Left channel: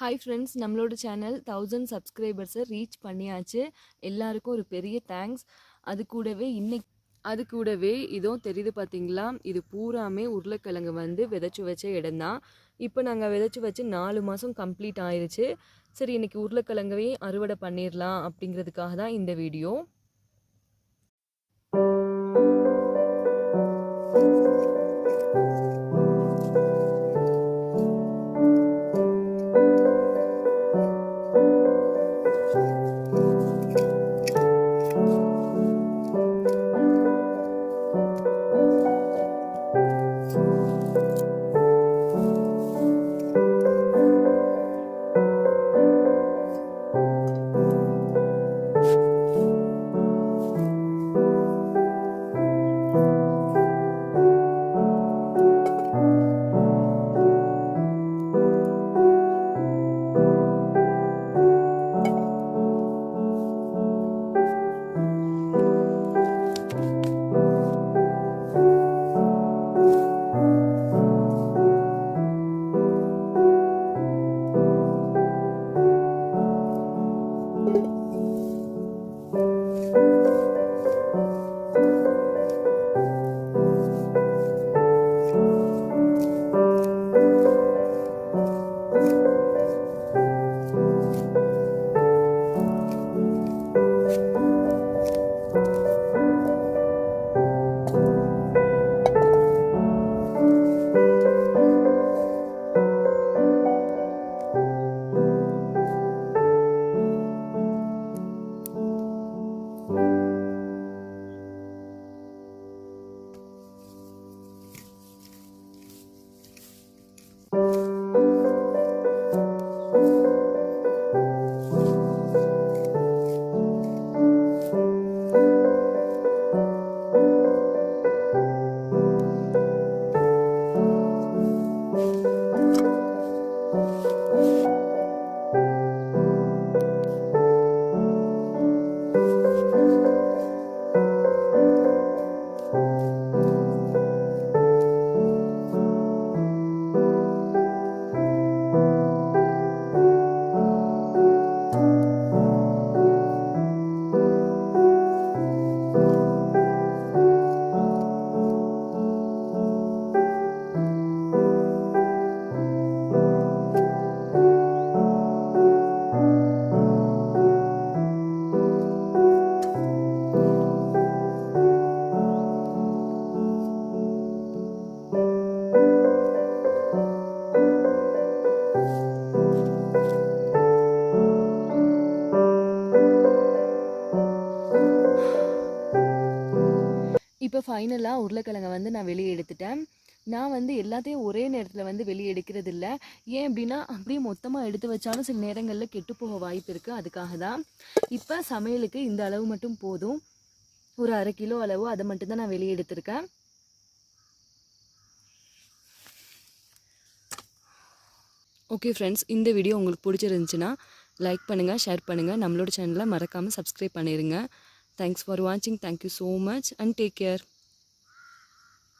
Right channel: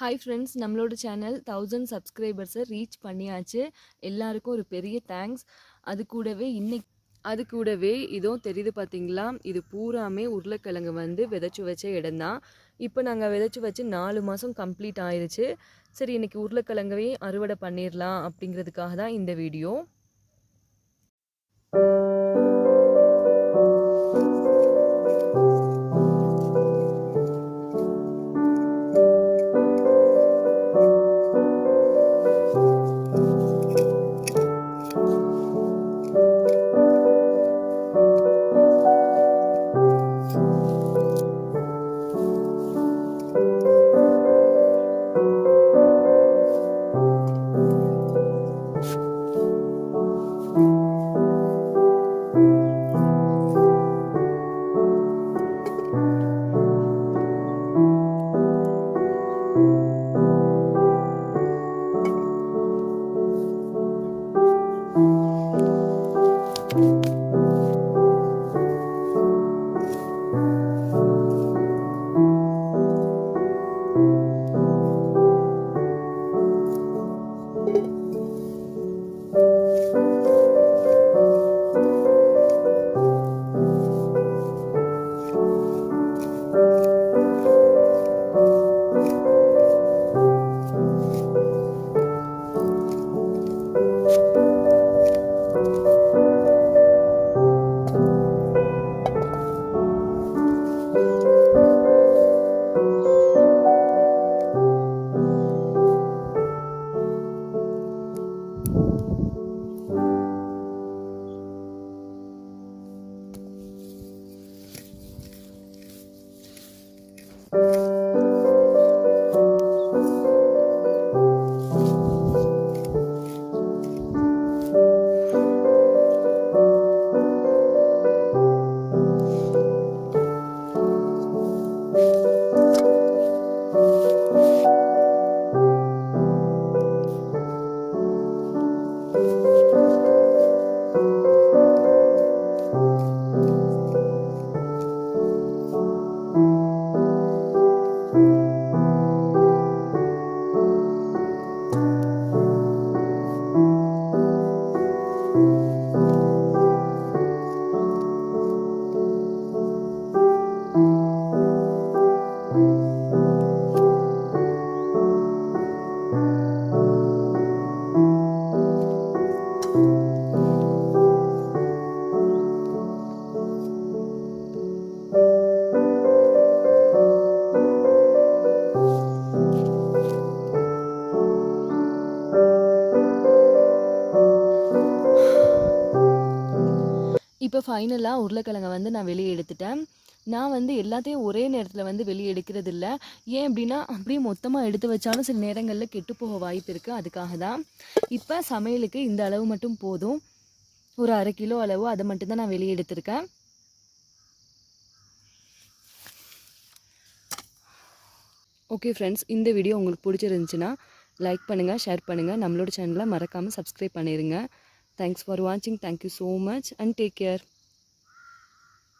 Hi friends, நம்மளோட channel 1000 சப்ஸ்கிரைபர்ஸை reach பண்ணியாச்சு. எல்லாருக்கும் ஒரு பெரிய தேங்க்ஸ். அது கூடவே இதோ தெரியுது பார்த்தீங்களா, இது பூராமே உருளைக்கிழங்கு வந்து விதைச்சி வச்ச இடம் தான். இப்போ நாங்கள் விதைச்சி வச்சு 4 மாதம் கம்ப்ளீட் ஆயிடுச்சு. சரி, இன்னைக்கு உருளைக்கிழங்கையும் அறுவடை பண்ணிடலாம் அப்படிங்கிறதுக்காக தான் இந்த வீடியோ. இப்போ ஃபைனலாக உருளைக்கிழங்கை வந்து நான் வெளியே எடுத்துட்டேன். நான் வந்து எல்லாத்தையும் ஒரே நேரத்தில் வந்து வெளியே எடுக்கிறது இல்லை. ஏன் அப்படின்னா, அப்படியே மொத்தமாக எடுத்து வச்சாலும் சில நேரங்களில் கெட்டு போக வாய்ப்பு இருக்குது. அதுக்காக தான் இப்போ சமையலுக்கு இந்த அளவு மட்டும் போதும். ஒரு 1/2 கிலோ அளவு, அதை மட்டும்தான் நான் வெளியே எடுத்திருக்கேன். ஓகே ஃப்ரெண்ட்ஸ், இந்த வீடியோ உங்களுக்கு பிடிச்சிருந்துச்சுன்னா லைக் பண்ணுங்கள், ஷேர் பண்ணுங்கள், நம்மளோட சேனலை மறக்காமல் சப்ஸ்கிரைப் பண்ணிடுங்க. தேங்க்ஸ் ஃபார் வாட்சிங். Thank you so much and take care.